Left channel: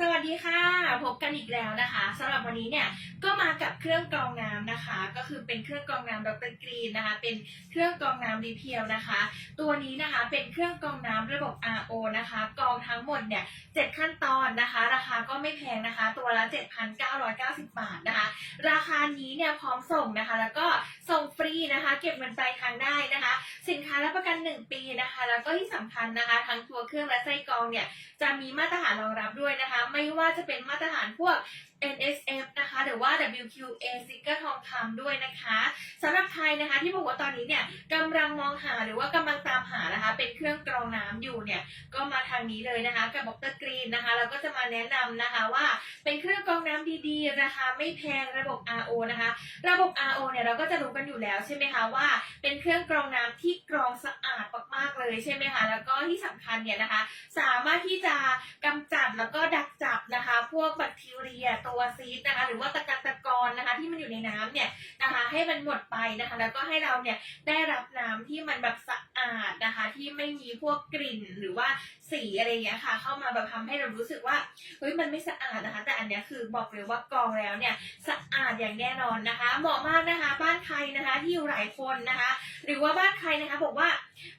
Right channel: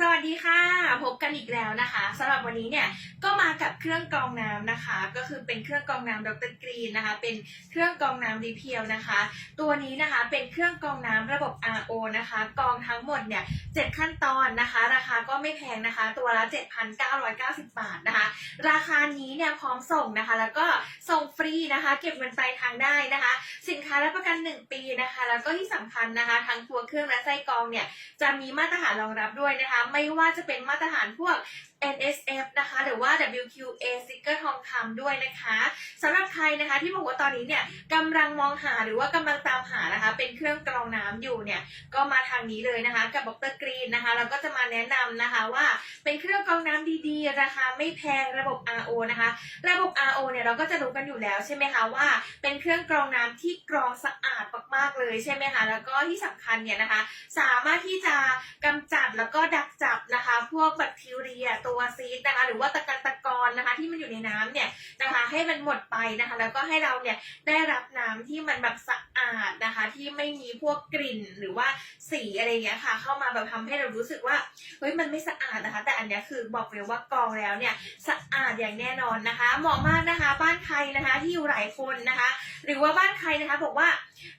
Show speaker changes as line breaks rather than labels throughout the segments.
สวัสดีค่ะ พบกันอีกแล้วนะคะสำหรับวันนี้เนี่ยก็มากับเครื่องกรองน้ำนะคะ ก็คือเป็นเครื่องกรองน้ำดรกรีนนะคะ เป็นเครื่องกรองน้ำรีเพียวนะคะ ตัวนี้นะคะเป็นเครื่องกรองน้ำระบบ RO นะคะกรองทั้งหมดเนี่ย7ขั้นตอนนะคะ ราคาก็ไม่แพงนะคะ ตัวละ 7,990 บาทนะคะ ราคานี้เนี่ยพร้อมส่งนะคะ แล้วก็ส่งฟรีนะคะ เก็บเงินปลายทางได้นะคะ สินค้ารับประกัน 1 ปีนะคะ แล้วก็ที่สำคัญนะคะ ทั้งตัวเครื่องและไส้กรองเนี่ยจะมีมาตรฐานรองรับด้วยนะคะไม่ว่าจะเป็นมาตรฐานพวก NSF นะคะหรือว่า WQA ซิกเกอร์ทองคำด้วยนะคะสำหรับใครนะคะที่บอกว่าตอนนี้เนี่ยกำลังมองหาหรือว่ากำลังตามหานะคะ เป็นเครื่องกรองน้ำอยู่เนี่ยก็มาทางนี้เลยนะคะ กับดรกรีนนะคะ เราก็จะมาแนะนำนะคะว่าเป็นเครื่องกรองน้ำดีๆราคาไม่แพงระบบ RO นะคะ ระบบ RO เนี่ยเราก็จะรู้กันอยู่แล้วใช่ไหมคะว่า เป็นเครื่องกรองน้ำที่กรองสะอาดมากๆเลยใช่ไหมคะแล้วก็ที่สำคัญเนี่ยนะคะ สามารถที่จะกำจัดแล้วก็ดักจับนะคะ พวกแบคทีเรียตัวซีดนะคะ หรือว่าตะกัตะกอนนะคะ ที่มันอยู่ในน้ำเนี่ยนะคะ ให้มันหมดไปนะคะ แล้วก็ให้เราเนี่ยได้รับน้ำที่มันแบบสะอาดนะคะ ที่ไม่มีพวกกลิ่นหรือว่าสีอะไรเงี้ยค่ะ เข้ามาแบบทำให้เรารู้สึกว่าเฮ้ยมันไม่สะอาดนะคะ แต่อันเนี้ยคือบอกเลยว่ากรองแล้วเนี่ยสะอาดอย่างแน่นอนนะคะ เหมาะมากนะคะ บ้านใครนะคะที่อยู่หลายคนนะคะ หรือว่าบ้านใครนะคะบอกว่า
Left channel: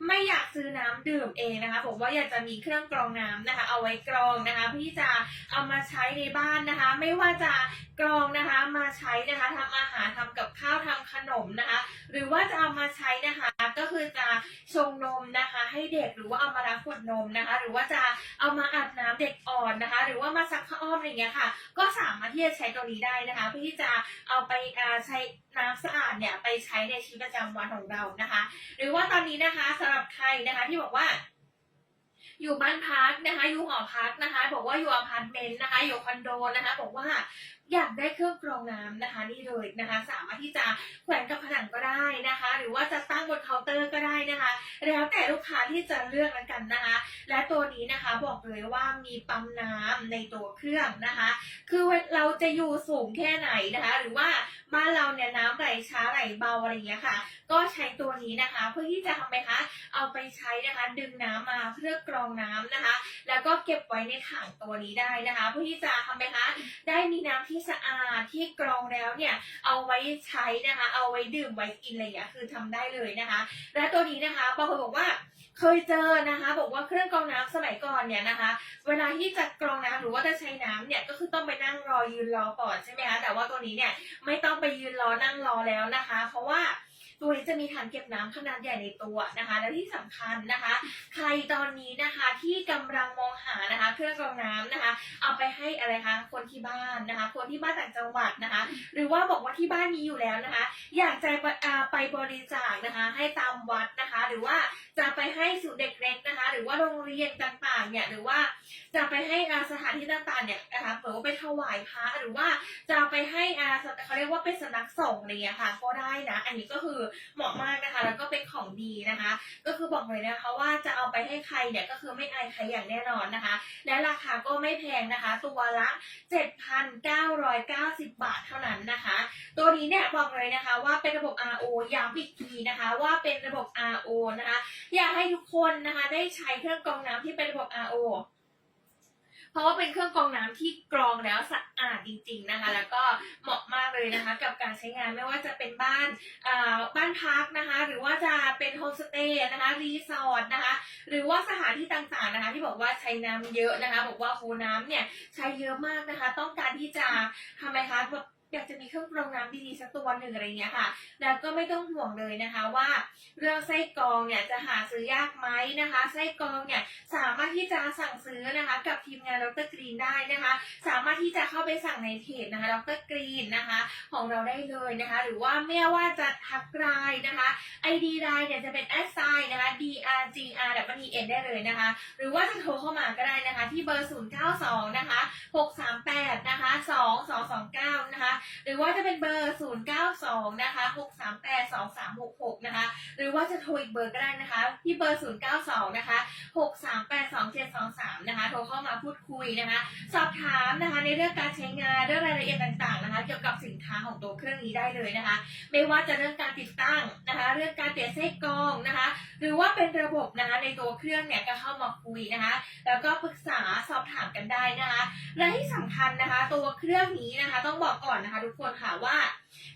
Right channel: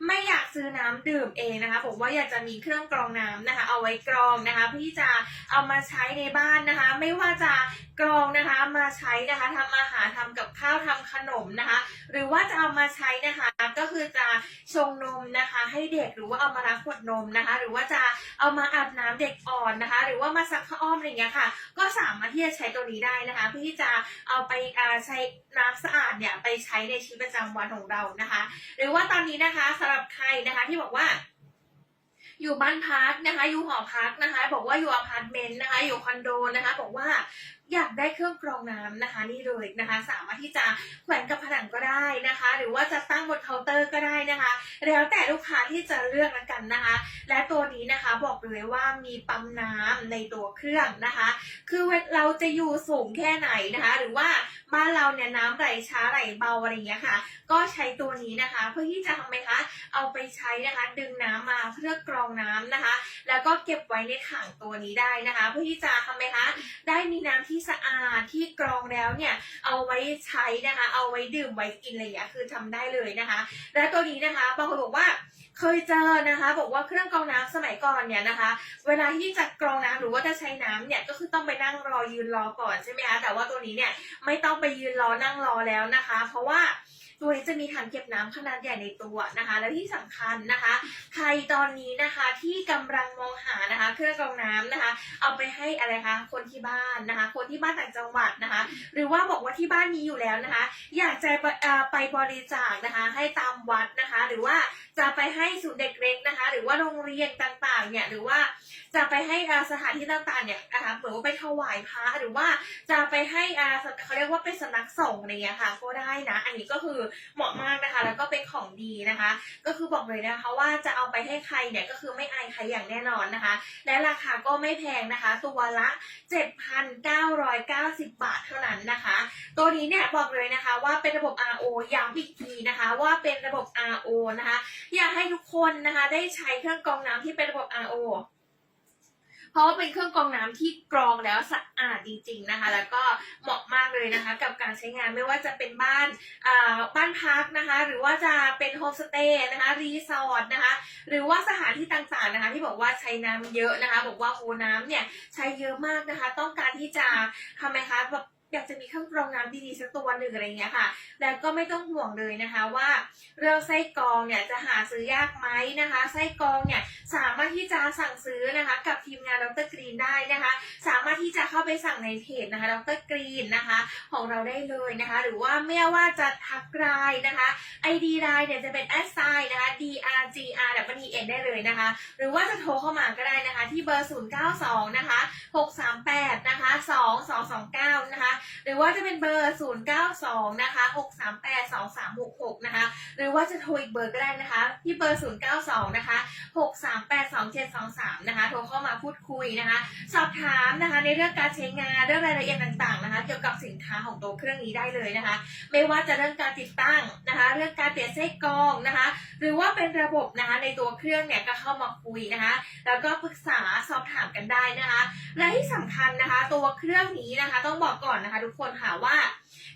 ไม่อยากซื้อน้ำดื่มเองนะคะบอกว่าอยากจะมีเครื่องกรองน้ำนะคะ เอาไว้กรองนะคะเพื่อที่จะเอามาใช้ในบ้านนะคะ ไม่ว่าจะกรองนะคะมาใช้นะคะทำอาหารทำกับข้าวทำขนมนะคะ หรือว่าจะเอามาใช้นะคะ ก็คือจะชงนมนะคะ ให้เด็กหรือว่าเอามาล้างขวดนมนะคะ หรือว่าจะเอามาอาบน้ำเด็กอ่อนนะคะ หรือว่ามาซักผ้าอ้อมอะไรอย่างเงี้ยค่ะ ก็สามารถที่จะใช้ตัวนี้ได้นะคะ เพื่อที่จะเอาไปใช้น้ำสะอาดเนี่ยไปใช้ในชีวิตประจำวันของเรานะคะ หรือว่าตอนนี้นะคะสำหรับใครนะคะที่บอกว่าอยู่บ้านพักนะคะ อยู่หอพักนะคะ บอกว่าอยู่อพาร์ตเมนต์นะคะ อยู่คอนโดนะคะ บอกว่า อยากได้เครื่องกรองน้ำนะคะนี่เลยนะคะ สามารถที่จะแขวนกับผนังก็ได้นะคะ หรือว่าจะตั้งบนเคาน์เตอร์ก็ได้นะคะ แล้วแต่ลูกค้าที่จะเลือกแล้วกันนะคะ และตัวนี้นะคะบอกเลยว่ามีปั๊มน้ำในตัวเครื่องนะคะ คือเราจะอยู่สูงแค่ไหนนะคะ หรือว่าบ้านเราเนี่ยน้ำไหลช้าไหลเบาอะไรอย่างเงี้ยค่ะ ก็ใช้ตัวนี้นะคะ เพื่อที่จะทำไมคะเอาไปใช้นะคะ ดึงน้ำมาเพื่อกรองน้ำนะคะ แล้วก็เก็บไว้ในถังตัวนี้ได้นะคะ เพื่อที่จะทำไมคะได้มีน้ำที่สะอาดที่กรองแล้วเนี่ยเอาไว้ใช้นะคะ เอาไว้ดื่มไว้กินอะไรอย่างเงี้ยคือทำได้เลยนะคะ และตัวนี้นะคะบางคนบอกว่าเคยเจอนะคะ บอกว่าเครื่องกรองน้ำสมัยก่อนเนี่ยนะคะ เวลาที่จะกรองน้ำหรือว่าจะใช้น้ำเนี่ยก็คือต้องไปนั่งรอยืนรอก่อนใช่ไหมคะแต่ว่าตัวนี้เนี่ยไม่ต้องไปยืนรอนั่งรอแล้วนะคะ เพราะว่า ตัวนี้จะมีถังเก็บน้ำขนาดใหญ่ในตัวนะคะ และที่สำคัญนะคะ ใครตอนนี้นะคะที่กำลังมองหานะคะ เครื่องกรองน้ำนะคะ เอาไปให้อะไรคะคนที่บ้านนะคะ คนที่บ้านต่างจังหวัดนะคะ หรือว่าบอกว่าที่บ้านมีอยู่แล้วนะคะ อยากจะไปบริจาคนะคะ ให้ตามวัดนะคะ หรือว่าจะไปให้ศูนย์เด็กเล็กนะคะ หรือว่าโรงเรียนต่างๆเนี่ยหรือว่าจะไปให้สถานที่ต่างๆเนี่ยนะคะเหมือนว่าไปถวายพระหรือว่าจะไปให้เขาเรียกว่าเป็นสำนักสงฆ์อะไรอย่างเงี้ยค่ะ ก็ได้นะ อันนี้ก็คือเหมาะมากนะคะ แล้วก็เป็นของดีนะคะ ก็คือบอกเลยนะคะว่าจะเอาไปให้ใครเนี่ยก็คือไม่อายใครอย่างแน่นอนนะคะ และราคาก็ไม่แพงนะคะ ตัวละ 7,990 บาทเท่านั้นนะคะ ตัวนี้เนี่ยบอกเลยนะคะว่าเป็นระบบ RO ย้ำอีกทีนะคะว่าเป็นระบบ RO นะคะ อยากให้ทุกคนนะคะได้ใช้เครื่องกรองน้ำที่เป็นระบบ RO เพราะว่าเป็นเครื่องกรองน้ำที่กรองแล้วสะอาดจริง ๆนะคะ แล้วก็เหมาะมากเลยนะคะ กับการใช้งานไม่ว่าจะเป็นบ้านบ้านพักนะคะ หรือว่าจะเป็นโฮมสเตย์นะคะรีสอร์ทนะคะ หรือว่าสถานที่ต่างๆนะคะ ที่บอกว่าใช้น้ำเยอะนะคะ บอกว่าโคน้ำเนี่ยใช้เยอะมากนะคะ ต้องการที่จะทำไมคะแบบ รื่องกรองน้ำดีๆสักตัวหนึ่งอะไรเงี้ยค่ะ แล้วก็ไม่ต้องห่วงเลยนะคะว่าเรื่องไส้กรองเนี่ยจะหาซื้อยากไหมนะคะ ไส้กรองเนี่ยสามารถที่จะสั่งซื้อนะคะกับทีมงานดรกรีนได้นะคะ สามารถที่จะเข้าไปสั่งในเพจนะคะดรกรีนนะคะของเราได้เลยนะคะ หรือว่าไม่ว่าจะทักไลน์นะคะ ID ไลน์เนี่ยจะเป็น s i นะคะ drgr w e n ได้เลยนะคะ หรือว่าจะโทรเข้ามาก็ได้นะคะ ที่เบอร์ 092 นะคะ 638 นะคะ 2229 นะคะ หรือว่าว่าจะเป็นเบอร์ 092 นะคะ 638 2366 นะคะ หรือว่าจะโทรอีกเบอร์ก็ได้นะคะ ที่เบอร์ 092 นะคะ 638 2723 นะคะ โทรเข้ามาพูดคุยนะคะ สอบถามนะคะในเรื่องการใช้งานเรื่องรายละเอียดต่างๆนะคะ เกี่ยวกับสินค้าของตัวเครื่องนี้ได้เลยนะคะ ไม่ว่าจะเรื่องการติดตั้งนะคะ เรื่องการเปลี่ยนไส้กรองนะคะ หรือว่าเป็นระบบนะคะในตัวเครื่องเนี่ยก็เข้ามาคุยนะคะ แล้วก็ปรึกษาสอบถามกันได้นะคะ และที่สำคัญนะคะ ตัวเครื่องนี้นะคะ ต้องบอกก่อนนะคะ ทุกคนค่ะว่า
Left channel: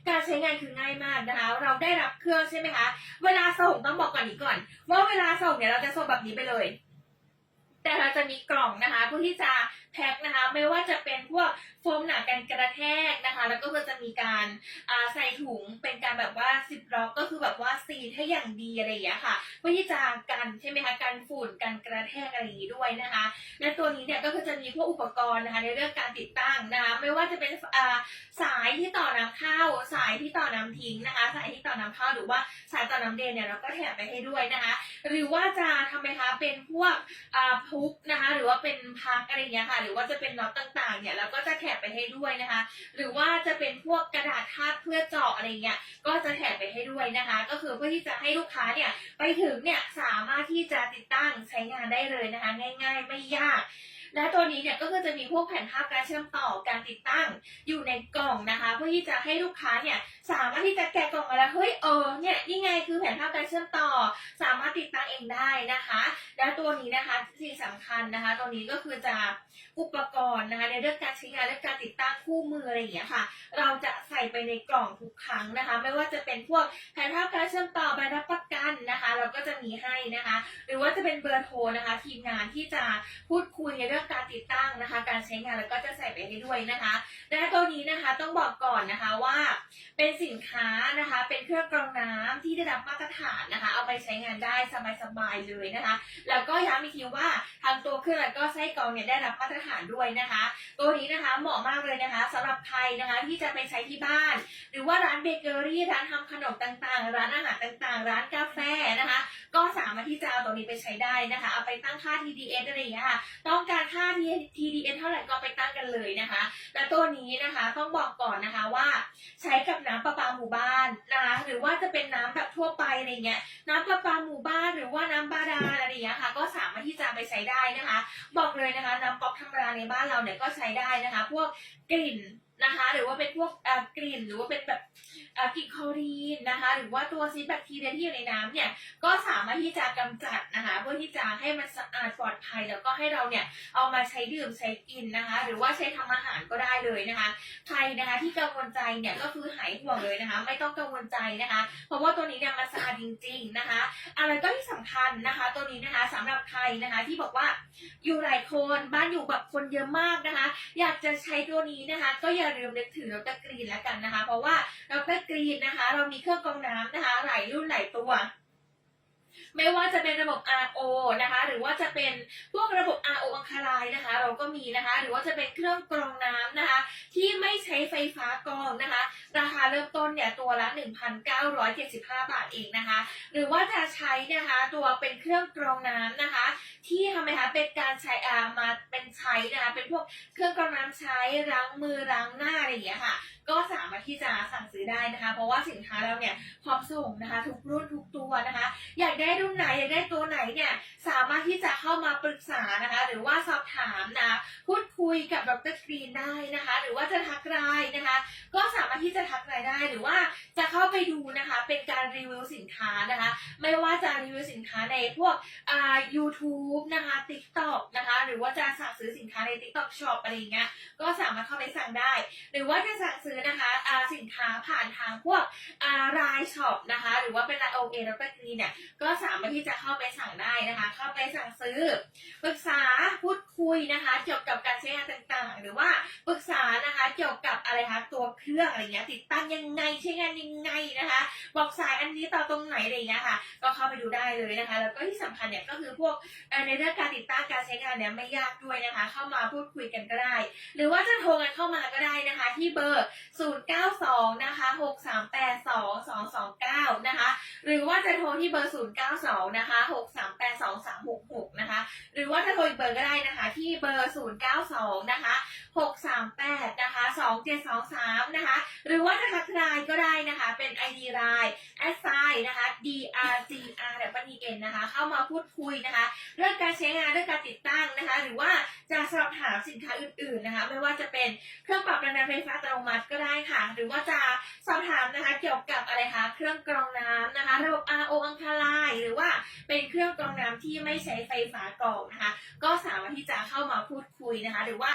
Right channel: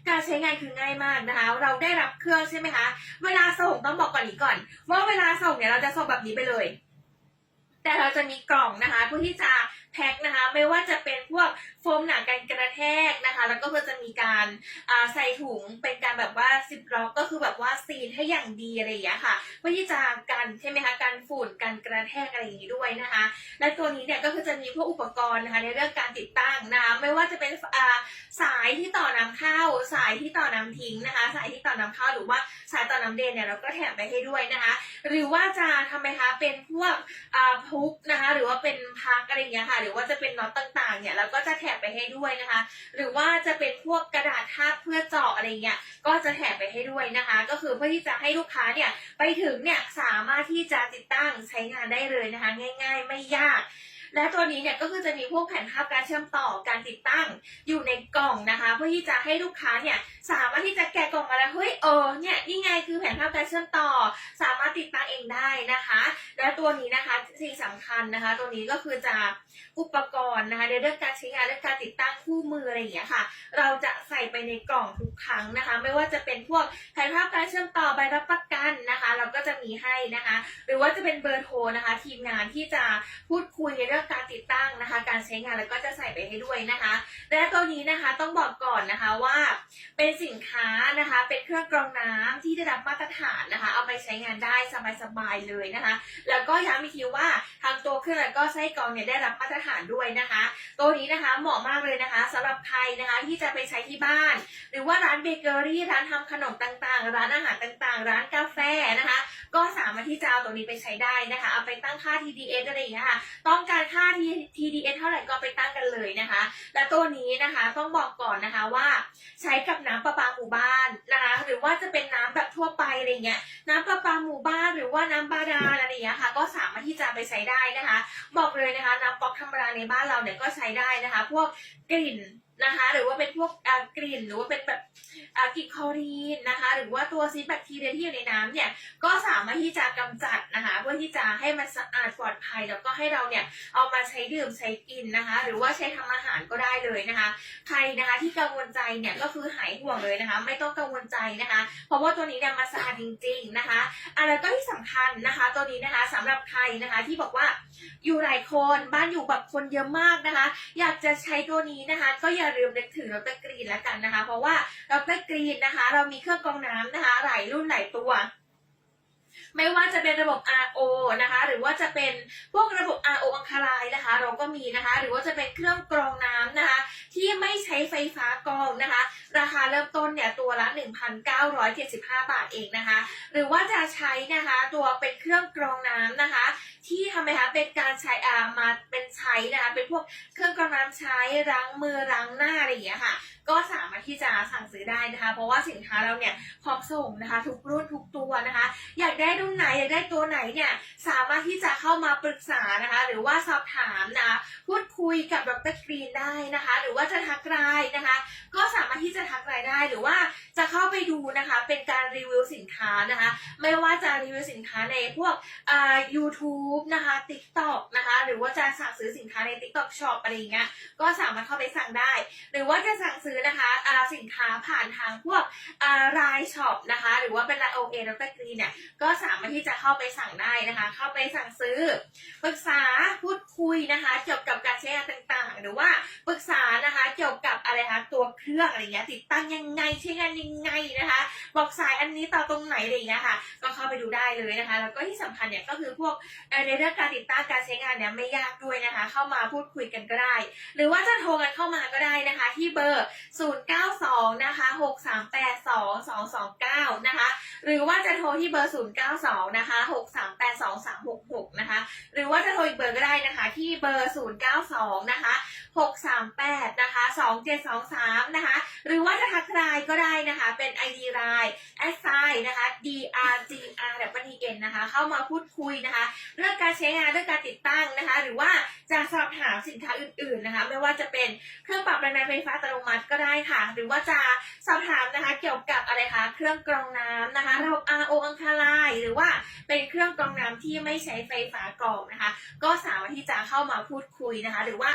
การใช้งานคือง่ายมากนะคะ เราได้รับเครื่องใช่ไหมคะ เวลาส่งต้องบอกก่อนนี้ก่อน ว่าเวลาส่งเนี่ยเราจะส่งแบบนี้ไปเลย แต่เราจะมีกล่องนะคะเพื่อที่จะแพ็คนะคะไม่ว่าจะเป็นพวกโฟมหนาการกระแทกนะคะ แล้วก็จะมีการาใส่ถุงเป็นการแบบว่าซิปล็อกก็คือแบบว่าซีนให้อย่างดีอะไรอย่างเงี้ยค่ะเพื่อที่จะกันใช่ไหมคะกันฝุ่นกันกระแทกอะไรอย่างนี้ด้วยนะคะ และตัวนี้เนี่ยก็คือจะมีพวกอุปกรณ์นะคะในเรื่องการติดตั้งนะคะไม่ว่าจะเป็นาสายที่ต่อน้ำเข้า สายที่ต่อน้ำทิ้งนะคะ สายที่ต่อน้ำเข้าหรือว่าสายต่อน้ำเดนเนี่ยเราก็แถมไปให้ด้วยนะคะ หรือว่าจะทำไมคะเป็นพวกพุกนะคะหรือว่าเป็นพักอะไรอย่างเงี้ยค่ะหรือว่าจะเป็นน็อตต่างๆ เนี่ยเราก็จะแถมไปให้ด้วยนะคะ หรือว่าจะเป็นพวกกระดาษทาบเพื่อเจาะอะไรเงี้ยก็จะแถมไปให้ด้วยนะคะ ก็คือเพื่อที่จะให้ลูกค้าเนี่ยไปถึงเนี่ยสามารถที่จะติดตั้งใช้งานได้เลยนะคะ ง่าย ๆ ไม่ยาก และตัวนี้เนี่ยก็คือจะมีพวกแผ่นภาพการเชื่อมต่อการติดตั้งอยู่ในกล่องนะคะ เพื่อที่จะให้ลูกค้าเนี่ยสามารถที่จะแกะกล่องมาแล้วเฮ้ยเออเนี่ยนี่ไงคือแผ่นภาพการเชื่อมต่อ สามารถติดตั้งเองได้นะคะ และตัวนี้นะคะสิ่งสำคัญนะคะ ตัวนี้ก็คือจะอุป กรณ์นะคะในเรื่องการใช้งานเรื่องการติดตั้งคู่มืออะไรอย่างเงี้ยค่ะ เราจะใส่ไปในกล่องทุกครั้งนะคะ ไม่ว่าจะเป็นพวกแผนภาพการเชื่อมต่อใบรับประกันนะคะ เราก็จะมีให้นะคะ หรือว่าจะเป็นเบอร์โทรนะคะ ทีมงานที่จะพูดคุยในเรื่องการติดตั้งนะคะ การใช้งานแล้วก็จะใส่ไปให้ด้วยนะคะและตัวนี้นะคะต้องบอกก่อนนะคะว่า เป็นสินค้านะคะ เป็นเครื่องกรองน้ำที่ได้รับมาตรฐานนะคะ เอาไปใช้งานได้สบายๆเลยนะคะ แล้วก็ย้ำอีกทีว่าทางตัวเครื่องแล้วก็ไส้กรองเนี่ยได้รับมาตรฐานด้วยนะคะตัวนี้นะคะเหมาะมากเลยนะคะสำหรับใครนะคะที่จะไปใช้ที่บ้าน หรือว่าร้านเบเกอรี่ร้านทำขนมต่างๆ ร้านอาหารต่างๆ ร้านกาแฟนะคะ ก็สามารถที่จะเอาตัวนี้ไปใช้ได้นะคะ เอาไปตั้งค่า TDS อะไรอย่างเงี้ยค่ะ ต้องการค่า TDS เท่าไหร่ก็ไปตั้งกันเลยนะคะ และตัวนี้นะคะต้องบอกก่อนนะคะว่า ใช้กับน้ำประปาหมู่บ้านนะคะหรือว่าจะเป็นน้ำแบบทั่วไปอะไรเงี้ยน้ำประปาหมู่บ้านหรือว่าน้ำบาดาลอะไรอย่างเงี้ยค่ะ ก็สามารถที่จะไปใช้ได้นะคะ บอกเลยนะคะ น้ำก๊อกธรรมดาในบ้านเราเนี่ยก็ใช้ได้นะคะ พวกกลิ่น นะคะ หรือว่าเป็นพวกกลิ่นหรือว่าเป็นแบบกลิ่นคอรีนนะคะ หรือว่าตัวซีแบคทีเรียที่อยู่ในน้ำเนี่ยก็สามารถที่จะกำจัดนะคะ เพื่อที่จะให้มันสะอาดปลอดภัย แล้วก็ให้เราเนี่ยเอามาใช้ดื่มใช้กินนะคะ หรือว่าใช้ทำอาหารก็ได้เลยนะคะ ใครนะคะที่กังวลใจเนี่ยก็คือหายห่วงเลยนะคะ ไม่ต้องกังวลใจนะคะ เพราะว่าตัวนี้เนี่ยมันสะอาดจริง ๆนะคะอะไรก็ที่สำคัญนะคะ ตัวนี้นะคะสำหรับใครนะคะที่บอกว่าอยู่หลายคนบ้านอยู่แบบคนเยอะมากนะคะ อยากจะใช้ตัวนี้นะคะ ก็อย่าลืมนึกถึงดรกรีนแล้วกันนะคะ เพราะว่าดรกรีนนะคะ เรามีเครื่องกรองน้ำนะคะ หลายรุ่นหลายตัว ไม่ว่าจะเป็นระบบ RO นะคะ หรือว่าจะเป็นพวกระบบ RO อังคารายนะคะ เราก็มีนะคะ หรือว่าจะเป็นเครื่องกรองน้ำนะคะ ที่ไม่ใช้ไฟฟ้ากรองนะคะ ราคาเริ่มต้นเนี่ยตัวละ 1,975 บาทเองนะคะ หรือว่าจะใช้นะคะตัวเป็นเครื่องกรองน้ำนะคะ ที่ทำไมคะเป็นการใช้อามาเป็นใช้นะคะ เป็นพวกเครื่องกรองน้ำใช้ล้างมือล้างหน้าอะไรอย่างเงี้ยค่ะ ก็สามารถที่จะสั่งซื้อได้นะคะ เพราะว่าสินค้าเราเนี่ยพร้อมส่งนะคะ ทุกรุ่นทุกตัวนะคะ อยากได้รุ่นไหนอยากได้ตัวไหนเนี่ยสามารถที่จะเข้ามาปรึกษานะคะ หรือว่าสอบถามนะพูดคุยกับดรกรีนได้นะคะ หรือว่าจะทักไลน์นะคะ ก็สามารถที่จะทักไลน์ได้หรือว่าจะเข้าไปดูนะคะ เป็นการรีวิวสินค้านะคะ ไม่ว่าจะรีวิวสินค้าในพวกอ่า YouTube นะคะ TikTok นะคะ หรือว่าจะสั่งซื้อสินค้าใน TikTok Shop อะไรอย่างเงี้ยก็สามารถเข้าไปสั่งได้ หรือว่าจะสั่งซื้อนะคะสินค้าผ่านทางพวกรายช็อปนะคะ หรือว่าเป็นรายโอเอดรกรีนเนี่ยก็สามารถที่จะเข้าไปสั่งได้นะคะ เข้าไปสั่งซื้อปรึกษาพูดคุยนะคะ เกี่ยวกับการใช้งานต่างๆ หรือว่าปรึกษานะคะเกี่ยวกับอะไรคะตัวเครื่องอะไรเงี้ยติดตั้งยังไงใช้งานยังไงนะคะ บอกสายอันนี้ต่อตรงไหนอะไรเงี้ยค่ะ ก็เข้าไปดูได้เลยนะคะ แล้วก็ที่สำคัญเนี่ยก็คือพวกในเรื่องการติดตั้งการใช้งานเนี่ยไม่ยากด้วยนะคะ เข้ามาพูดคุยกันก็ได้ หรือว่าจะโทรกันเข้ามาก็ได้นะคะ ที่เบอร์092 นะคะ 6382 229 นะคะ หรือว่าจะโทรที่เบอร์ 092 นะคะ 6382 366 นะคะ หรือว่าจะโทรอีกเบอร์ก็ได้นะคะ ที่เบอร์ 092 นะคะ 638 นะคะ 2723 นะคะ หรือว่าจะทักไลน์ก็ได้นะคะ เป็น ID ไลน์แอดไซนะคะ drgr w n นะคะ เข้ามาพูดคุยนะคะ เรื่องการใช้งานเรื่องการติดตั้งนะคะ หรือว่าจะสอบถามสินค้าอื่นๆนะคะ ไม่ว่าจะเป็นเครื่องปรับแรงดันไฟฟ้าอัตโนมัติก็ได้ค่ะ หรือว่าจะสอบถามนะคะเกี่ยวกับอะไรคะเครื่องกรองน้ำนะคะ ระบบ RO อังคารายหรือว่าเป็นเครื่องกรองน้ำที่ไม่ใช้ไฟฟ้ากรองนะคะ ก็สามารถที่จะเข้ามาพูดคุยนะคะ หรือว่า